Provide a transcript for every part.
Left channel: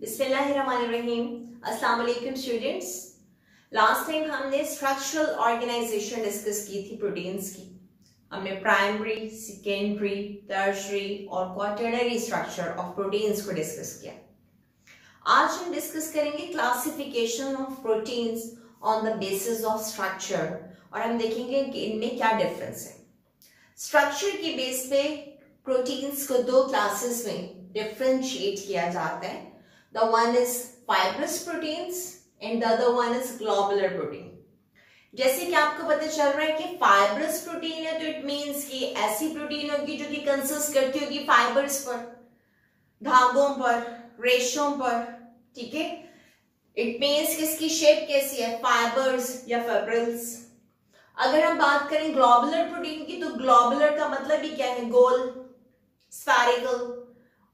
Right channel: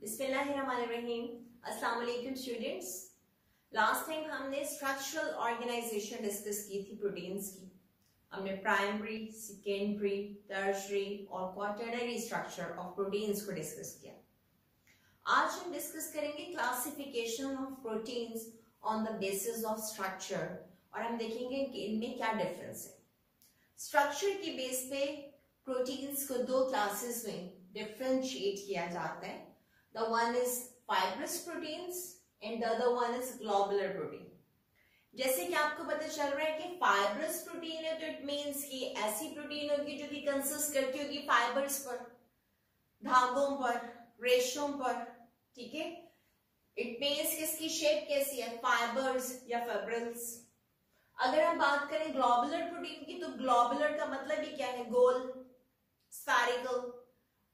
बिस्मिल्लाहिर्रहमानिर्रहीम। अस्सलाम वालेकुम स्टूडेंट्स। लास्ट टाइम हमने स्ट्रक्चरल ऑर्गेनाइजेशन डिस्कस की थी प्रोटीन्स की। हमने प्राइमरी, सेकेंडरी, टर्शियरी और क्वाटरनरी स्ट्रक्चर ऑफ प्रोटीन्स को डिस्कस किया। आज हम डिस्कस करेंगे classification of proteins on the basis of structure और हम देखेंगे कि इनमें क्या डिफरेंस है। स्ट्रक्चर की बेस पे प्रोटीन्स को दो क्लासेस में डिफरेंशिएट किया जाता है। The one is fibrous proteins and the other one is globular protein. जैसे कि आपको पता चल रहा है कि fibrous protein है तो it means कि ऐसी प्रोटीन होगी जो कि कंसिस्ट करती होगी फाइबर्स पर, धागों पर, रेशों पर, ठीक है। इट मीन्स कि इसकी शेप कैसी है, फाइबर्स या फिब्रिल्स। अगर हम बात करें ग्लोबुलर प्रोटीन की तो ग्लोबुलर का मतलब ही क्या है, गोल, स्फेरिकल,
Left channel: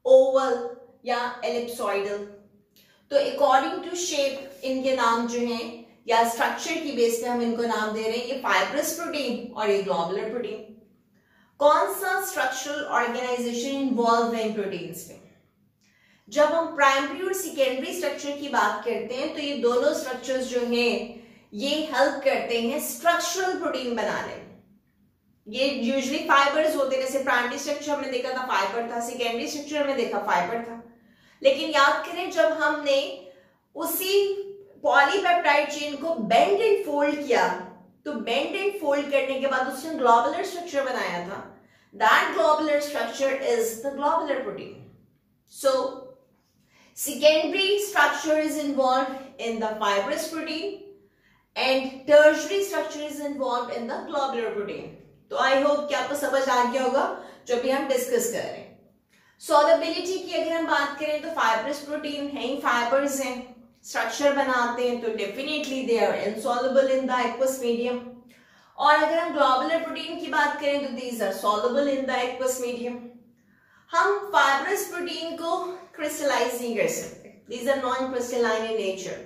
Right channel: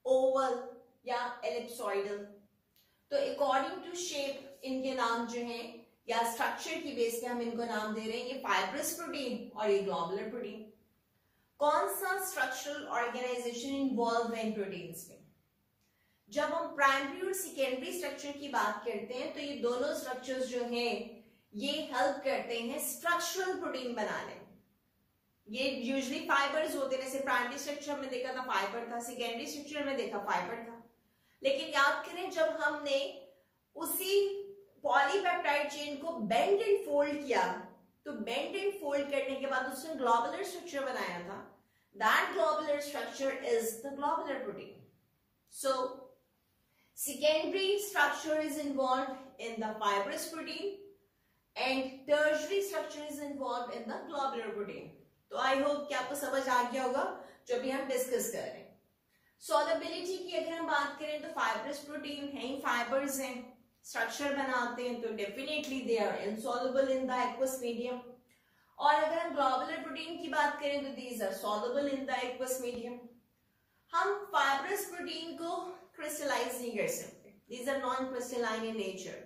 ओवल या एलिप्सॉइडल। तो अकॉर्डिंग टू शेप इनके नाम जो हैं या स्ट्रक्चर की बेस पे हम इनको नाम दे रहे हैं, ये फाइब्रस प्रोटीन और ये ग्लोबुलर प्रोटीन। कौन सा स्ट्रक्चरल ऑर्गेनाइजेशन इन्वॉल्व है इन प्रोटीन्स में? जब हम प्राइमरी और सेकेंडरी स्ट्रक्चर की बात करते हैं तो ये दोनों स्ट्रक्चर्स जो हैं ये हेल्प करते हैं स्ट्रक्चरल प्रोटीन बनाने में। ये यूजुअली फाइबर्स होते हैं, जैसे प्राइमरी स्ट्रक्चर हमने देखा था फाइबर था, सेकेंडरी स्ट्रक्चर में देखा फाइबर था। लेकिन याद करें जब हमने उसी पॉलीपेप्टाइड चेन को बेंड एंड फोल्ड किया तो बेंड एंड फोल्ड करने के बाद उसने ग्लोबुलर स्ट्रक्चर बनाया था। That globular structure is the globular protein. So secondary structure is involved in the fibrous protein and tertiary structure is involved in the globular protein. तो I hope कि आपको समझ आ गया होगा जो भी हम डिस्कस कर रहे हैं। सॉल्युबिलिटी की अगर हम बात करें तो फाइब्रस प्रोटीन है, फाइबर्स हैं, स्ट्रक्चर बनाते हैं तो definitely they are insoluble in the aqueous medium. और अगर हम ग्लोबुलर प्रोटीन की बात करें तो these are soluble in the aqueous medium. हम फाइब्रस प्रोटीन को क्रिस्टलाइज नहीं कर सकते, these are non crystalline in nature.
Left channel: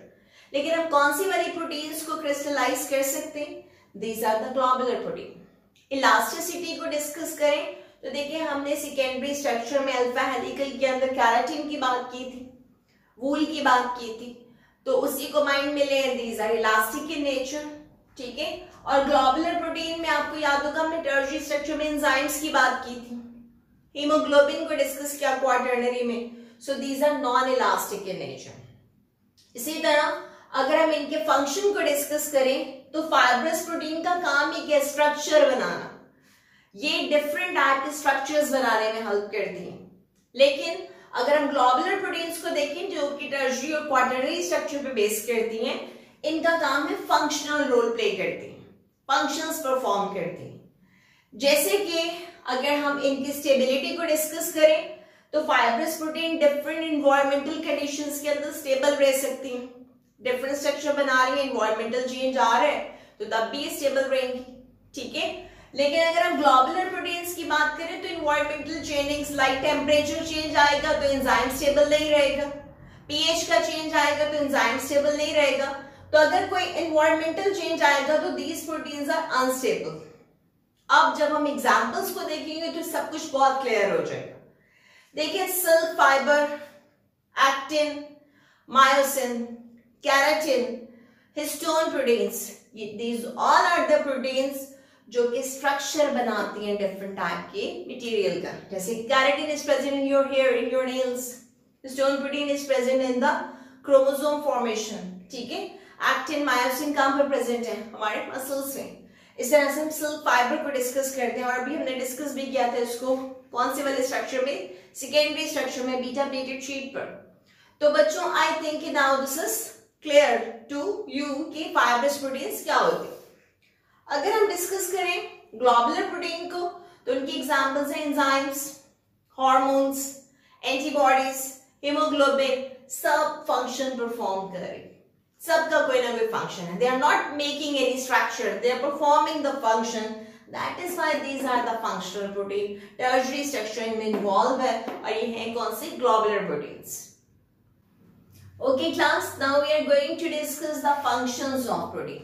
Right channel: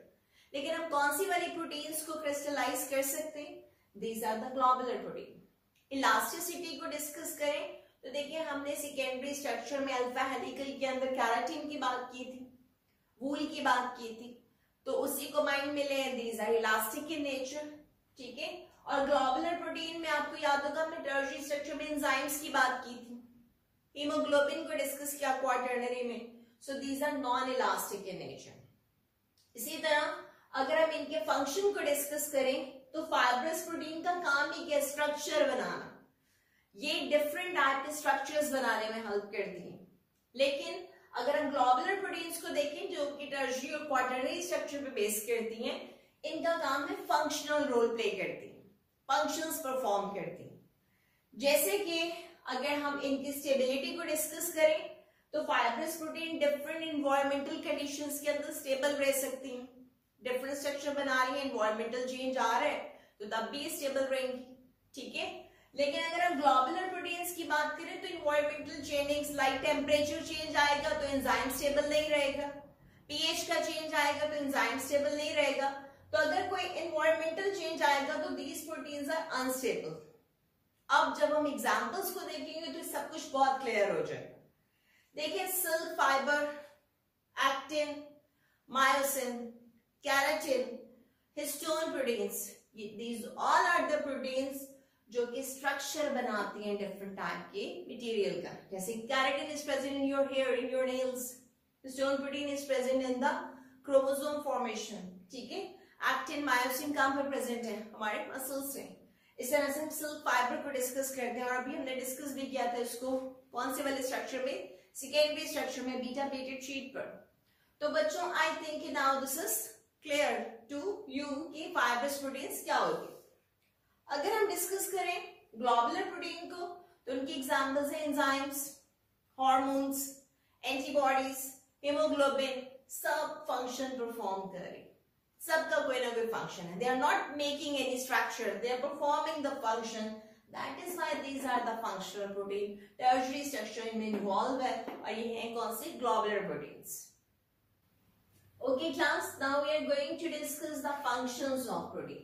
लेकिन हम कौन सी वाली प्रोटीन्स को क्रिस्टलाइज कर सकते हैं? These are the globular protein. Elasticity को डिस्कस करें तो देखिए हमने सेकेंडरी स्ट्रक्चर में अल्फा हेलिकल के अंदर केराटिन की बात की थी, वूल की बात की थी, तो उसी को माइंड में ले, these are elastic in nature, ठीक है। और ग्लोबुलर प्रोटीन में आपको याद होगा हमने टर्शियरी स्ट्रक्चर में एंजाइम्स की बात की थी, हीमोग्लोबिन को डिस्कस किया क्वाटरनरी में, so these are non elastic in nature. इसी तरह अगर हम इनके फंक्शन को डिस्कस करें तो फाइब्रस प्रोटीन का काम ही क्या, स्ट्रक्चर बनाना। ये डिफरेंट टाइप के स्ट्रक्चर्स बनाने में हेल्प करती हैं। लेकिन अगर हम ग्लोबुलर प्रोटीन्स को देखें जो कि टर्शियरी और क्वाटरनरी स्ट्रक्चर पे बेस करती हैं, इनका काम है फंक्शनल रोल प्ले करती हैं, फंक्शंस परफॉर्म करती हैं। जैसे कि अगर हम इनकी स्टेबिलिटी को डिस्कस करें तो fibrous protein different environmental conditions के अंदर स्टेबल रह सकती हैं। डिफरेंट स्ट्रक्चर बना रही है, इन्वायरमेंटल चेंज आ रहा है तो तब भी स्टेबल रहेंगी, ठीक है। लेकिन अगर हम ग्लोबुलर प्रोटीन्स की बात करें तो environmental changings like temperature change आएगा तो एंजाइम स्टेबल नहीं रहेगा, पीएच का चेंज आएगा तो एंजाइम स्टेबल नहीं रहेगा। तो अगर कोई इन्वायरमेंटल चेंज आएगा तो दीज प्रोटीन्स आर अनस्टेबल। अब जब हम एग्जांपल्स को देखेंगे तो सब कुछ बहुत क्लियर हो जाएगा। देखिए silk fibre, actin, myosin, keratin, histone proteins, these all are the proteins जो कि स्ट्रक्चर बनाती हैं डिफरेंट टाइप के मटेरियल का। जैसे keratin is present in your hair, in your nails, histone protein is present in the chromosome formation, ठीक है। Actin, myosin कहां पर प्रेजेंट है? हमारे मसल्स में। इस तरह से हम सिल्क फाइबर को डिस्कस करते हैं और अभी हमने डिस्कस भी किया था इसको कौन से वाले स्ट्रक्चर में, सेकेंडरी स्ट्रक्चर में, बीटा प्लेटेड शीट पर। तो बच्चों I think now this is clear to you कि फाइब्रस प्रोटीन्स क्या होती है। अगर हम डिस्कस करें ग्लोबुलर प्रोटीन को तो उनकी एग्जांपल्स हैं एंजाइम्स, हार्मोन्स, एंटीबॉडीज, हीमोग्लोबिन, सब फंक्शन परफॉर्म कर रही, सबका कोई ना कोई फंक्शन है। They are not making any structure, they are performing the function, that is why these are the functional protein. Tertiary structure इनमें इन्वॉल्व है और ये है कौन सी, globular proteins. Okay class, now we are going to discuss the functions of protein.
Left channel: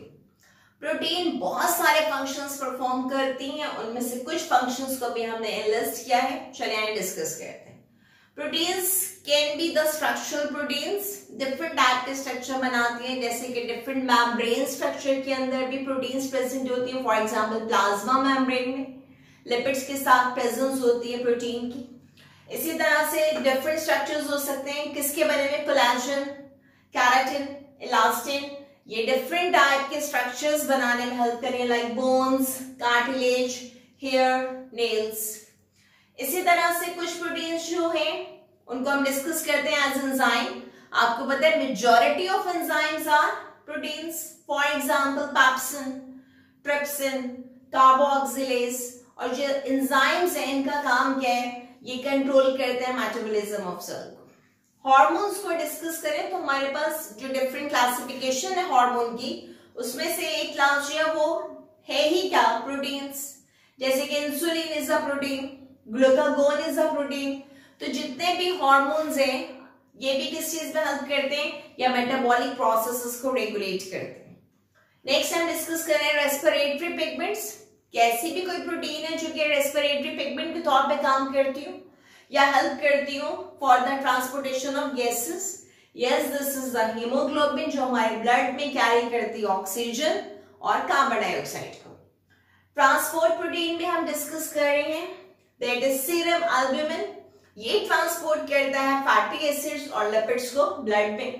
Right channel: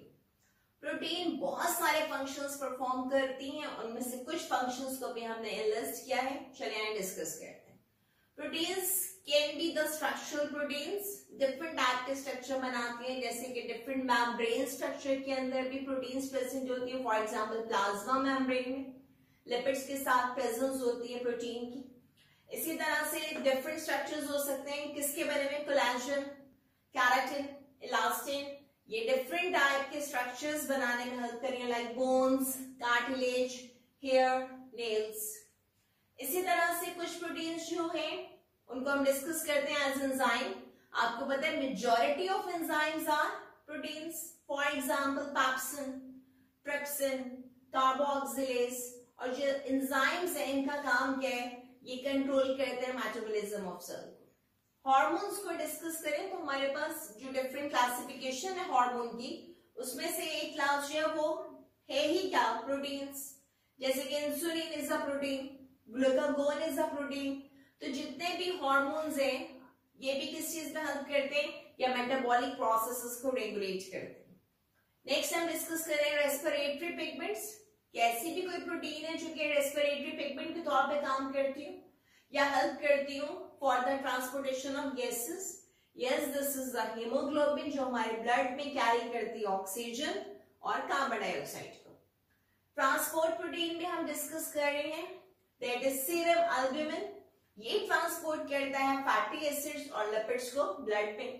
Protein बहुत सारे functions perform करती हैं, उनमें से कुछ फंक्शंस को भी हमने लिस्ट किया है, चलिए डिस्कस करते हैं। Proteins can be the structural proteins, different type के स्ट्रक्चर बनाती हैं, जैसे कि डिफरेंट मेम्ब्रेन स्ट्रक्चर के अंदर भी प्रोटीन्स प्रेजेंट होती हैं। फॉर एग्जांपल प्लाज्मा मेम्ब्रेन में लिपिड्स के साथ प्रेजेंस होती है प्रोटीन की। इसी तरह से डिफरेंट स्ट्रक्चर्स हो सकते हैं किसके बने में, कोलेजन, केराटिन, इलास्टिन, ये डिफरेंट टाइप के स्ट्रक्चर्स बनाने में हेल्प करें, like bones, cartilage, hair, nails. इसी तरह से कुछ प्रोटीन्स जो हैं उनको हम डिस्कस करते हैं एज एंजाइम। आपको पता है majority of enzymes are proteins. For example pepsin, trypsin, carboxylase, और जो एंजाइम्स हैं इनका काम क्या है, ये कंट्रोल करते हैं मेटाबॉलिज्म ऑफ सेल को। हार्मोन्स को डिस्कस करें तो हमारे पास जो डिफरेंट क्लासिफिकेशन है हार्मोन की, उसमें से एक क्लास जो है वो है ही क्या, प्रोटीन्स। जैसे कि insulin is a protein, glucagon is a protein. तो जितने भी हार्मोन्स हैं ये भी किस चीज में हेल्प करते हैं, या मेटाबॉलिक प्रोसेसेस को रेगुलेट करते हैं। नेक्स्ट हम डिस्कस करें रेस्पिरेटरी पिगमेंट्स। कैसी भी कोई प्रोटीन है जो कि रेस्पिरेटरी पिगमेंट के तौर पे काम करती हूँ या हेल्प करती हूँ for the transportation of gases. Yes, this is the haemoglobin जो हमारे ब्लड में कैरी करती है ऑक्सीजन और कार्बन डाइऑक्साइड को। ट्रांसपोर्ट प्रोटीन में हम डिस्कस कर रहे हैं, दैट इज सीरम एल्ब्यूमिन। ये ट्रांसपोर्ट करता है फैटी एसिड्स और लिपिड्स को ब्लड में।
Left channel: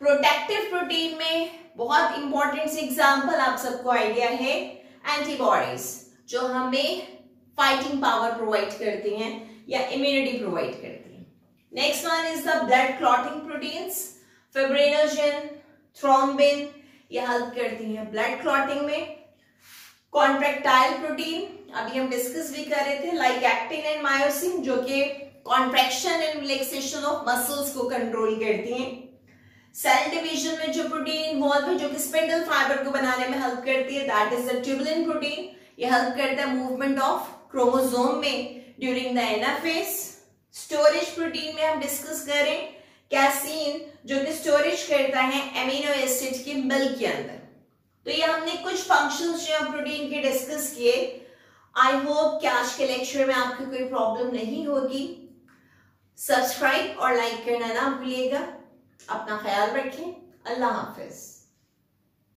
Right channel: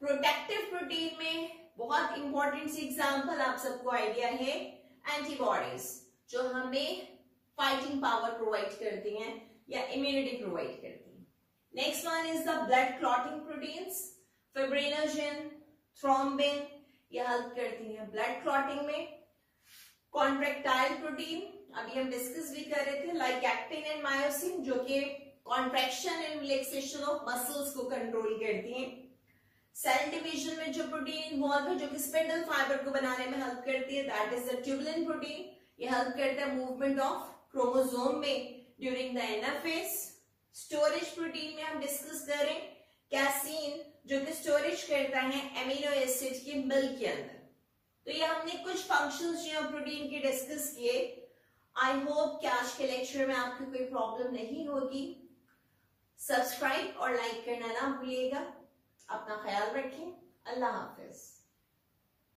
प्रोटेक्टिव प्रोटीन में बहुत इंपॉर्टेंट सी एग्जांपल आप सबको आइडिया है, एंटीबॉडीज जो हमें फाइटिंग पावर प्रोवाइड करती हैं या इम्यूनिटी प्रोवाइड करती हैं। Next one is the blood clotting proteins, fibrinogen, thrombin, ये हेल्प करती हैं ब्लड क्लॉटिंग में। कॉन्ट्रैक्टाइल प्रोटीन अभी हम डिस्कस भी कर रहे थे, लाइक एक्टिन एंड मायोसिन, जो कि contraction and relaxation of muscles को कंट्रोल करती हैं। सेल डिवीजन में जो प्रोटीन इन्वॉल्व है जो कि स्पिंडल फाइबर को बनाने में हेल्प करती है, that is the tubulin protein. ये हेल्प करता है मूवमेंट ऑफ क्रोमोसोम में during the anaphase. Storage protein में हम डिस्कस करें कैसीन, जो कि स्टोरेज करता है एमिनो एसिड की मिल्क के अंदर। तो ये हमने कुछ फंक्शंस जो है प्रोटीन के डिस्कस किए। आई होप कि आज के लेक्चर में आपकी कोई प्रॉब्लम नहीं होगी। सब्सक्राइब और लाइक करना ना भूलिएगा। अपना ख्याल रखें। अल्लाह हाफिज।